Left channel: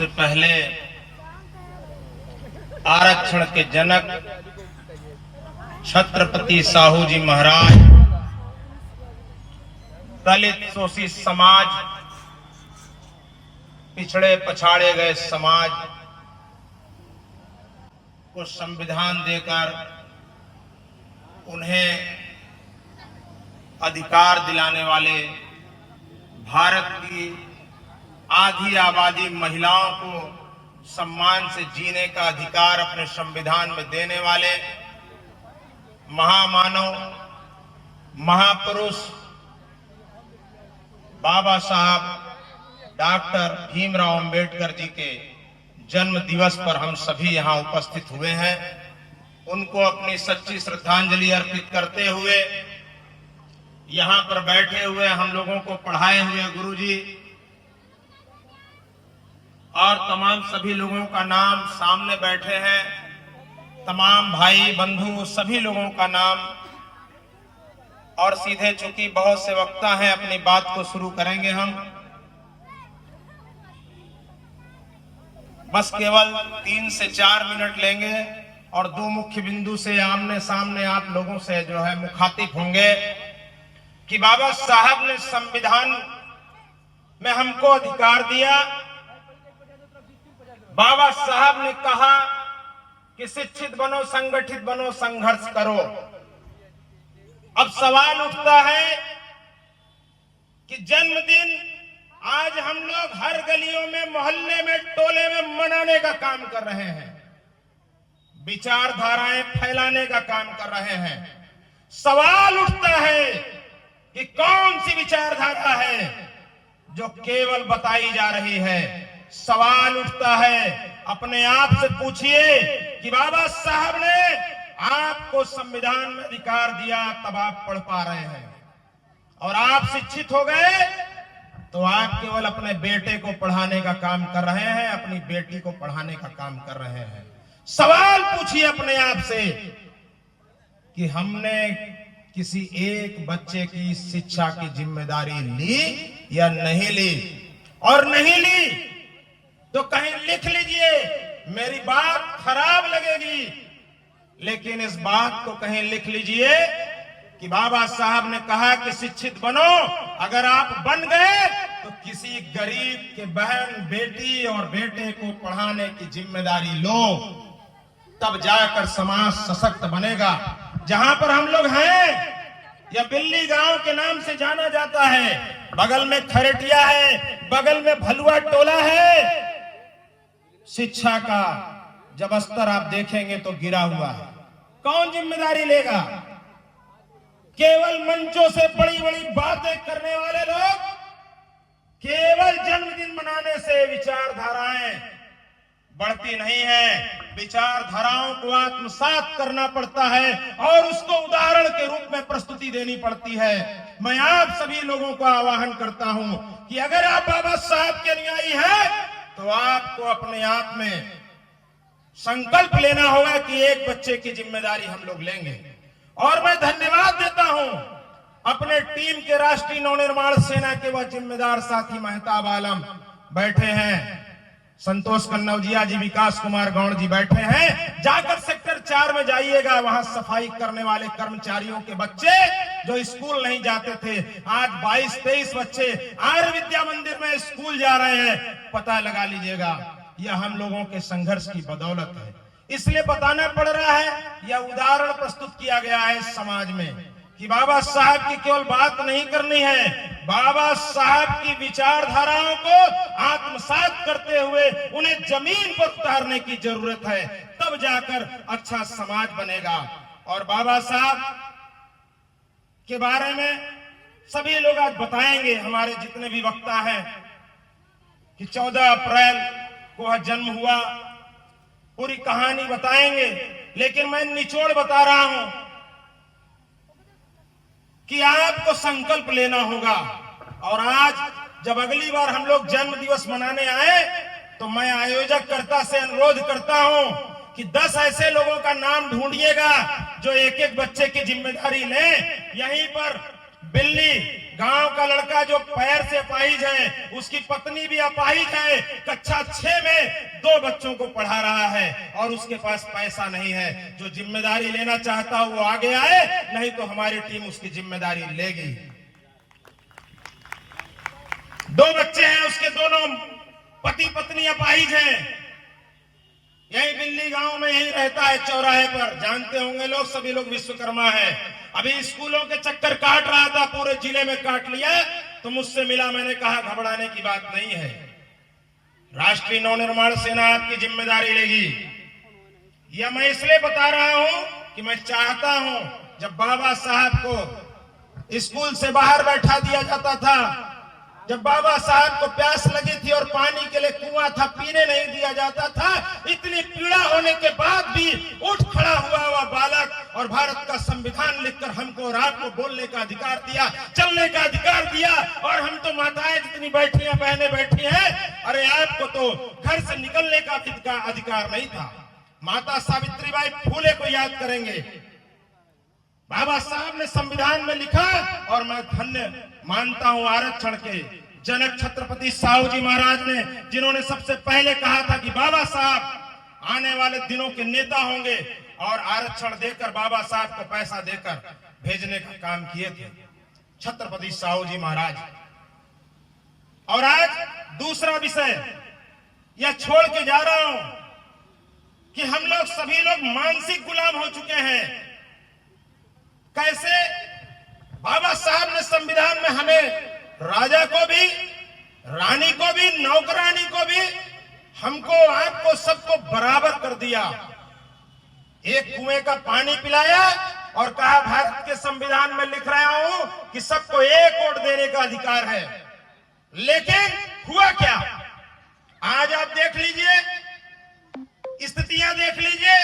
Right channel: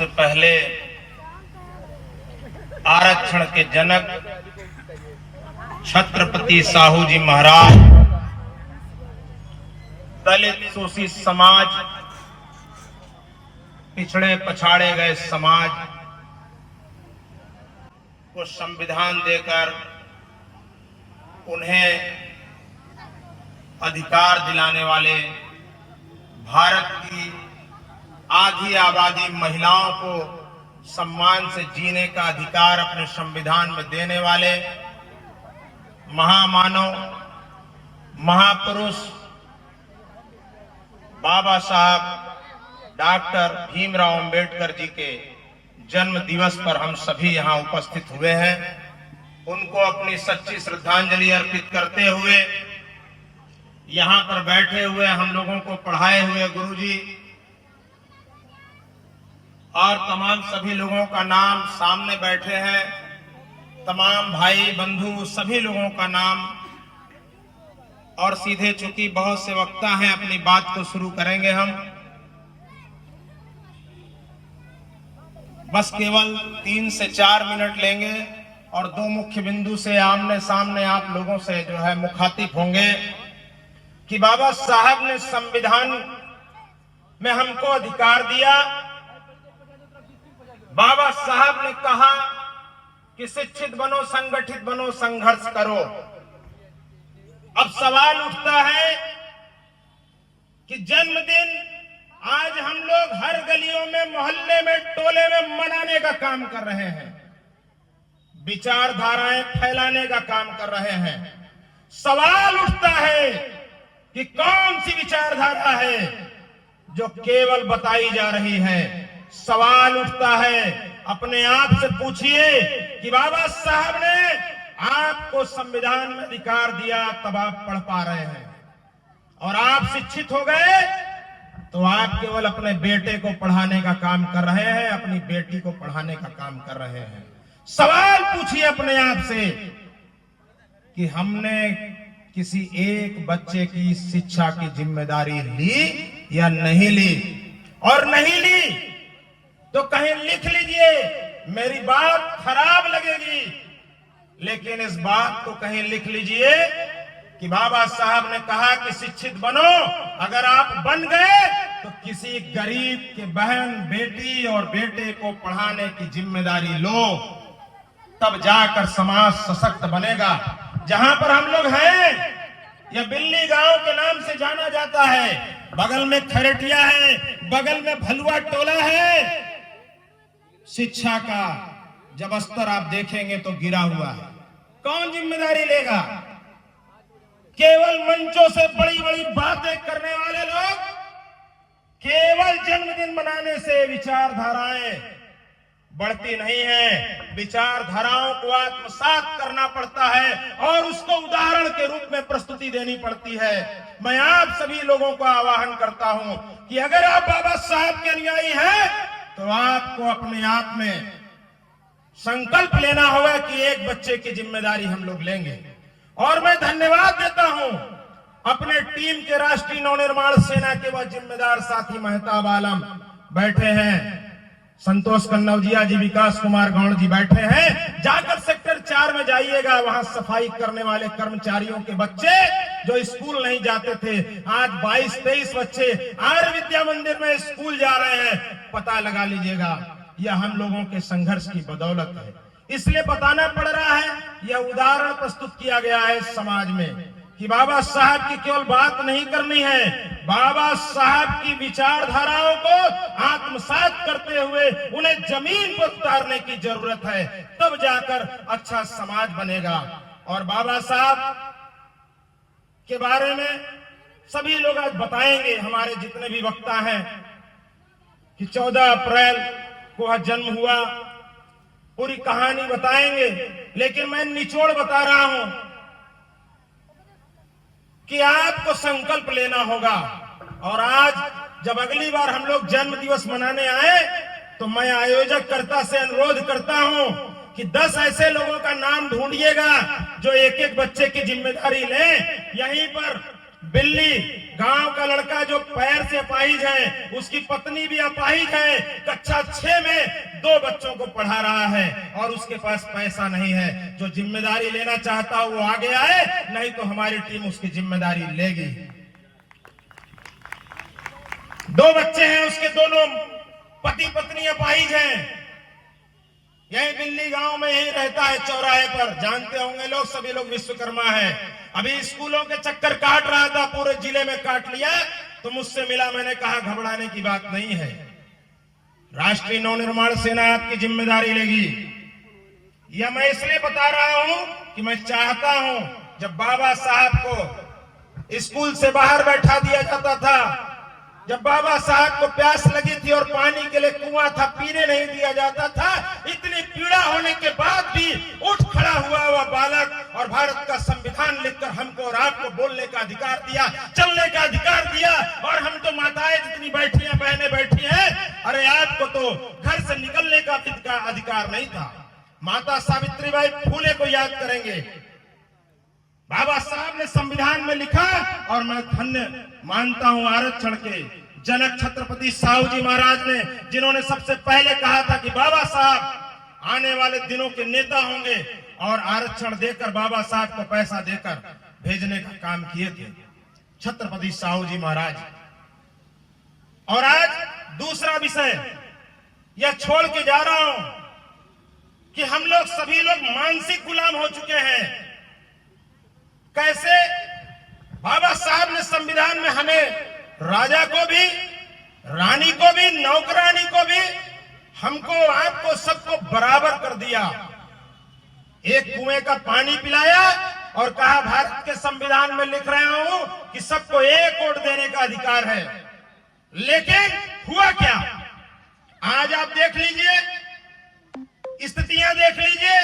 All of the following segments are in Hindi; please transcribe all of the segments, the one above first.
से पहले आरक्षण के जनक छत्रपति साहू जी महाराज दलित शोषित समाज, पिछड़े पछाड़े गए समाज को संविधान देकर उन्हें अधिकार दिलाने वाले, भारत की आधी आबादी महिलाओं को सम्मान से जीने का अधिकार अपने संविधान में देने वाले महामानव, महापुरुष बाबा साहब डॉक्टर भीमराव अंबेडकर जी के जन्म दिवस पर हम सभी यहाँ उपस्थित हुए हैं। उनको अपनी सच्ची श्रद्धांजलि अर्पित करते हुए यहाँ पर बैठे हुए हम लोगों को पढ़ाए हुए गुरुजी और तमाम सभी लोगों का नाम सामने बैठे हैं, तमाम भाई बंधु सभी लोगों का नाम, और सीधे चूंकि बहुत से वक्ता हैं अपनी बात को शुरू करेंगे हम। बस केवल 3 से 4 मिनट लेंगे और 2 मुख्य बिंदु से आमने सामने आप लोगों से जो है मुखातिब होंगे कि बाबा साहब ने संविधान में हमको अधिकार दिया। बाबा साहब ने कहा कि शिक्षित बनो, संगठित बनो, संघर्ष करो। अब सवाल उठता है कि जन्मदिन आज हम लोग हर गलियों में, मोहल्ले में, टोले में मनाने का काम कर रहे हैं, विचारधाराएं फैलाने का काम कर रहे हैं। सवाल उठता है कि कौन सी विचारधारा है जो केवल बताई जा रही है। सवाल उठता है, अपने आप से पूछिए कि बाबा साहब ने आपको संविधान में अधिकार दिया, तब आप पढ़ पा रहे हैं और आप शिक्षित हो गए तो आप केवल अपने बेटे को पढ़ाने का काम कर रहे हैं, अपनी बेटी को पढ़ाने का काम कर रहे हैं। सवाल पूछिए अपने आप से कि हमने किसी एक बच्चे की शिक्षा की जिम्मेदारी ली या नहीं ली, और नहीं ली तो कहीं लिख लीजिए, मेरी बात खराब लगेगी लेकिन इस बात को कहीं लिख लीजिए कि बाबा साहब ने कहा कि शिक्षित बनो। अगर आप बन गए तो किसी गरीब के बहन, बेटी और बेटे को पढ़ाने की जिम्मेदारी लो, तब जाकर समाज सशक्त बनेगा। जहां पर हम लोग हैं, यह बिल्ली गांव के नाम से जाना जाता है, बगल में खरेटिया है, बगल में भलुआ टोला है। शिक्षा का जब स्तर आप देखेंगे तो गिरा हुआ है। कौन जिम्मेदारी लेगा? केवल मंचों से बड़ी बड़ी बातें करने वाले लोग। केवल जन्मदिन मनाने से विचारधाराएं बढ़ती नहीं है। विचारधाराओं को आत्मसात करना पड़ता है और उसको उदाहरण के रूप में प्रस्तुति देनी पड़ती है। मैं आप सभी लोगों को आह्वान करता हूं कि अगर आप बाबा साहब के अनुयायी हैं तो आपको अपने आप में संकल्प लेना होगा कि एक बच्चे की जिम्मेदारी हम लोग लेंगे। और मैं धन्यवाद देता हूं अपने टीम के राष्ट्रीय नवनिर्माण सेना के वह जिम्मेदार साथी महताब आलम बैठे हैं, संतोष कन्नौजिया जी, विकास कुमार गौड़ जी बैठे हैं। जाकर सेक्टर 4 में जाइएगा, वहां सफाई करने वाले कर्मचारियों के बच्चे जो स्कूल नहीं जाते थे, आज 22-23 बच्चे आर्य विद्या मंदिर में स्कूल जा रहे हैं। पता लगा लीजिएगा, यह हम लोगों के संघर्ष की बदौलत है। इसलिए बताना पड़ रहा है, यह उदाहरण प्रस्तुत किया गया है समाज में कि बाबा साहब की केवल बात नहीं करनी है, बाबा साहब की विचारधाराओं को आत्मसात करते हुए उन्हें जमीन पर उतारने की जरूरत है, तब जाकर अच्छा समाज बनेगा। और बाबा साहब के बारे में सभी लोग आज बताएंगे, हमारे जितने भी वक्ता हैं, कि 14 अप्रैल को जन्म हुआ, पूरी कहानी बताएंगे। लेकिन मैं निचोड़ बता रहा हूं कि आपको संकल्प लेना होगा। और आज जब अगली बार हम लोग जन्म दिवस मनाने आए तो मैं आयोजक कर्ता से अनुरोध करता हूं कि 10 ऐसे लोगों का नाम ढूंढिएगा जो एक एक बच्चे की जिम्मेदारी लें। यहीं पर बिल्ली गांव का लड़का जो पैर से अपाहिज है, उसकी पत्नी भी अपाहिज है, कक्षा 6 में 2 बच्चों को पढ़ा रहा है और उसके पास पैसा नहीं है। जो जिम्मेदारी लेना चाहता है वो आगे आए, नहीं तो हमारी टीम उसकी जिम्मेदारी लेगी। 2 बच्चे हैं, उसके दोनों पति पत्नी अपाहिज हैं। यही दिल्ली गांव में यही रहता है, चौराहे पर, जानते होंगे लोग, सभी लोग विश्वकर्मा है। अभी स्कूलों के चक्कर काट रहा था, पूरे जिले में काट लिया, तो मुझसे मिला, मैंने कहा घबराने की बात नहीं है, राष्ट्रीय नवनिर्माण सेना आपकी जिम्मेदारी लेगी। यह मैं इसलिए बता रहा हूं कि मैं चाहता हूं, जब बाबा साहब को स्कूल से बाहर बैठा दिया जाता था, जब बाबा साहब को प्यास लगी थी और पानी के लिए कुआं था, पीने नहीं दिया जाता था, इतनी पीड़ा होने के बाद भी उठ खड़ा हुआ बालक और भारत का संविधान लिखकर हमको और आपको बोलने का अधिकार दिया, चलने का अधिकार दिया, और हम तो माताएं जितनी बैठी हैं, बहनें बैठी हैं, अरे आपको तो घर से निकलने का अधिकार नहीं था। माता सावित्रीबाई फूले को याद करेंगे, बाबा साहब ने संविधान में लिखा, और मैं धन्य मानता हूं आरक्षण के जनक छत्रपति साहू जी महाराज ने, जिन्होंने सबसे पहले कहा था कि बाबा साहब आने वाले दिनों के नेता होंगे, और आरक्षण देकर बाबा साहब को पैसा देकर भेजने का काम किए थे छत्रपति साहू जी महाराज। और आज दूसरा विषय यह छोड़ के जा रहा हूं कि हम लोग सभी लोग मानसिक गुलाम हो चुके हैं। कैसे? बाबा साहब ने संविधान में हमें राजा को भी, रानी को भी, नौकरानी को भी, हमको आपको सबको बराबर कर दिया। एक कुएं का पानी पिलाया और कहा भारत के संविधान में लिख रहा हूं कि सबको एक वोट देने का अधिकार है। लेकिन हुआ क्या? आज आप देख लीजिए, स्थितियां देख लीजिए,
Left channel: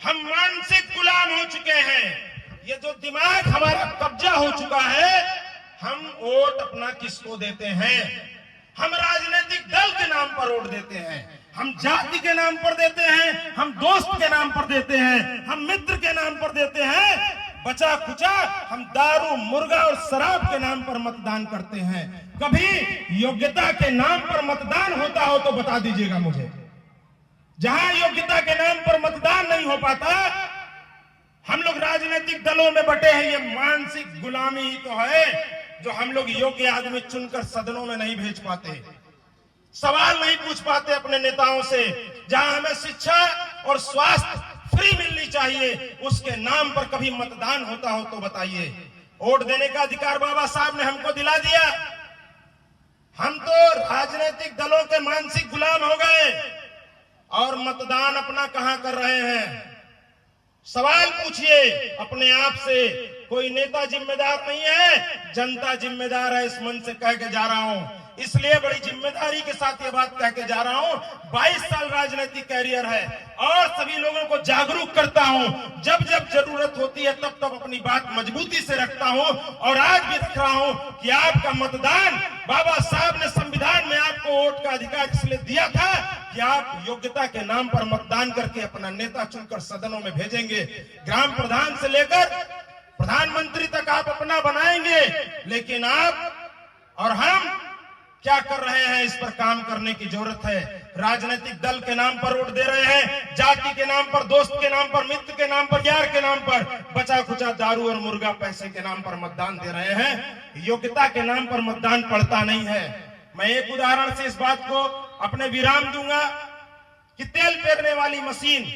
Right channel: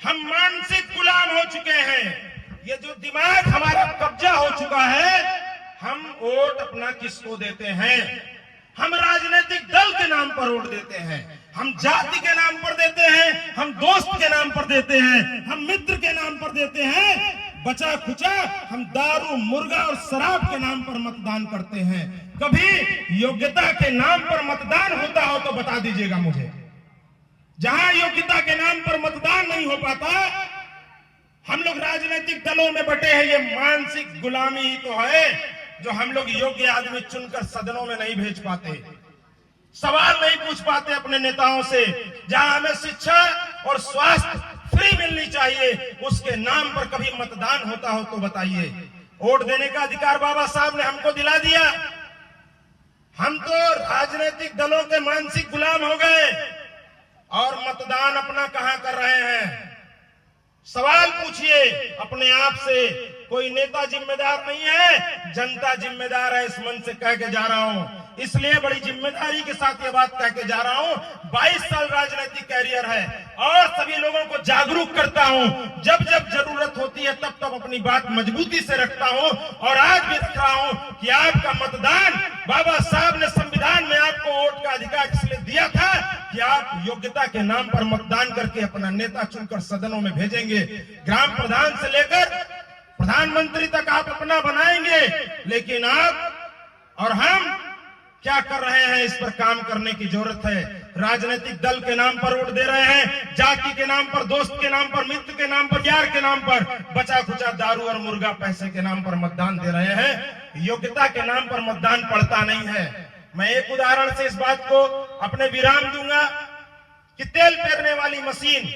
हम मानसिक गुलाम हो चुके हैं। ये जो दिमाग हमारा कब्जा हो चुका है, हम वोट अपना किसको देते हैं? हम राजनीतिक दल के नाम पर वोट देते हैं, हम जाति के नाम पर देते हैं, हम दोस्त के नाम पर देते हैं, हम मित्र के नाम पर देते हैं, बचा खुचा हम दारू, मुर्गा और शराब के नाम पर मतदान करते हैं। कभी योग्यता के नाम पर मतदान होता हो तो बता दीजिएगा मुझे। जहां योग्यता के नाम पर मतदान नहीं हो पाता, हम लोग राजनीतिक दलों में बटे हैं। ये मानसिक गुलामी ही तो है जो हम लोग योग्य आदमी चुनकर सदनों में नहीं भेज पाते, सवाल नहीं पूछ पाते अपने नेताओं से। जहां हमें शिक्षा और स्वास्थ्य फ्री मिलनी चाहिए, उसके नाम पर कभी मतदान होता हो तो बताइए। वोट देने का अधिकार बाबा साहब ने हमको दिला दिया, हम तो राजनीतिक दलों के मानसिक गुलाम हो गए और मतदान अपना कहां कर रहे हैं। सवाल पूछिए अपने आप से, कोई नेता जिम्मेदार नहीं है, जनता जिम्मेदार है। इस मन से कह के जा रहा हूं, इसलिए बड़ी जिम्मेदारी के साथ ये बात कह के जा रहा हूं। 22 साल राजनीतिक कैरियर है और सभी लोगों को जागरूक करता हूं। जब जब जरूरत होती है तब तब अपनी बात मजबूती से रखता हूं, और आज भी रख रहा हूं कि आपका मतदान, बाबा साहब ने संविधान में आपको वोट का अधिकार इसलिए दिया था कि आप योग्यता के नाम पर मतदान करके अपना नेता चुनकर सदनों में भेजेंगे। ग्राम प्रधान से लेकर प्रधानमंत्री तक आप अपना बनाएंगे, लेकिन आप और हम क्या कर रहे हैं, इस पर काम करने की जरूरत है। राजनीतिक दल के नाम पर वोट दे रहे हैं, जाति के नाम पर, दोस्त के नाम पर, मित्र के नाम पर, यार के नाम पर, बचा खुचा दारू और मुर्गा पैसे के नाम पर मतदान दे रहे हैं। योग्यता के नाम पर मतदान पड़ता नहीं है। मैं एक उदाहरण से इस बात को अपने विराम दूंगा कि तेल पेरने वाली मशीन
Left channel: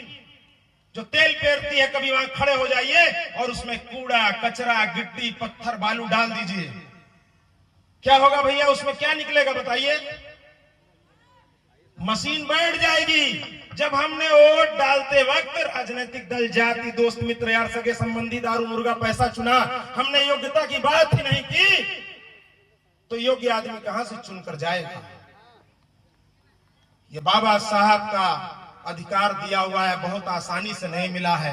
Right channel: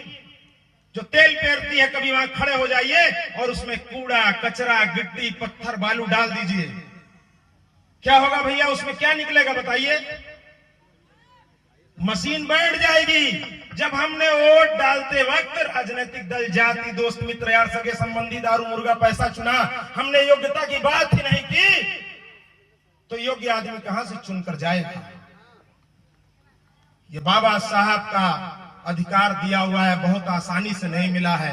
जो तेल पेरती है, कभी वहां खड़े हो जाइए और उसमें कूड़ा कचरा गिट्टी पत्थर बालू डाल दीजिए, क्या होगा भैया? उसमें क्या निकलेगा बताइए? मशीन बैठ जाएगी। जब हमने वोट डालते वक्त राजनीतिक दल, जाति, दोस्त, मित्र, यार, सगे संबंधी, दारू, मुर्गा, पैसा चुना, हमने योग्यता की बात ही नहीं की, तो योग्य आदमी कहां से चुनकर जाएगा? ये बाबा साहब का अधिकार दिया हुआ है, बहुत आसानी से नहीं मिला है।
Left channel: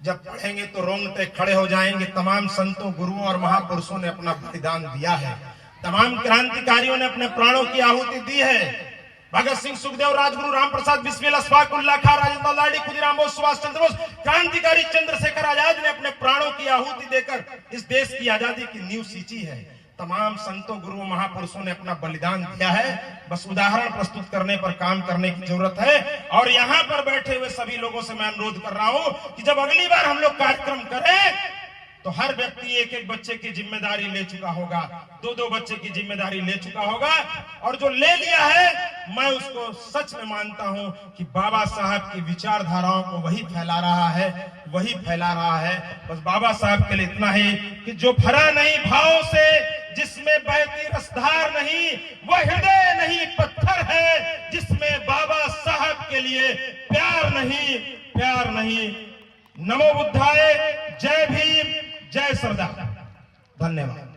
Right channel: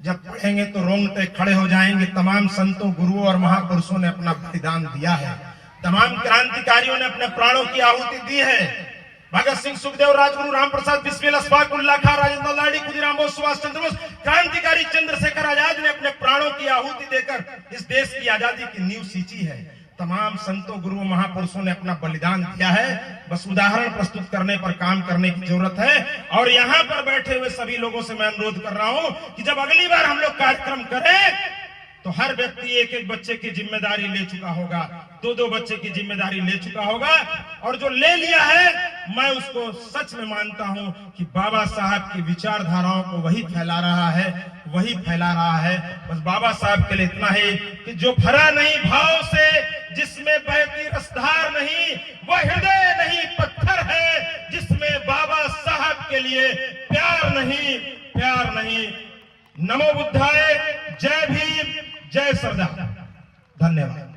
जब पढ़ेंगे तो रोंगटे खड़े हो जाएंगे। तमाम संतों, गुरुओं और महापुरुषों ने अपना बलिदान दिया है, तमाम क्रांतिकारियों ने अपने प्राणों की आहुति दी है। भगत सिंह, सुखदेव, राजगुरु, राम प्रसाद बिस्मिल, अशफाक उल्लाह खां, राजेंद्र लाडी, खुदीराम बोस, सुभाष चंद्र बोस, क्रांतिकारी चंद्रशेखर आजाद ने अपने प्राणों की आहुति देकर इस देश की आजादी की नींव सींची है। तमाम संतों गुरुओं महापुरुषों ने अपना बलिदान दिया है। बस उदाहरण प्रस्तुत करने पर काम करने की जरूरत है। और यहाँ पर बैठे हुए सभी लोगों से मैं अनुरोध कर रहा हूं कि जब अगली बार हम लोग कार्यक्रम करें तो हर व्यक्ति एक एक बच्चे की जिम्मेदारी ले चुका होगा, दो दो बच्चे की जिम्मेदारी ले चुका होगा। और जो ले लिया है मैं उसको सच में मानता हूं कि बाबा साहब की विचारधाराओं को वही फैला रहा है, वही फैला रहा है। बस बाबा साहब के लिए इतना ही कि जो भरा नहीं भाव से, जिसमें बहती रसधार नहीं, वह हृदय नहीं पत्थर है, जिसमें बाबा साहब के लिए प्यार नहीं, प्यार नहीं। नमो बुद्धाय, जय भीम, जय सरदार। धन्यवाद।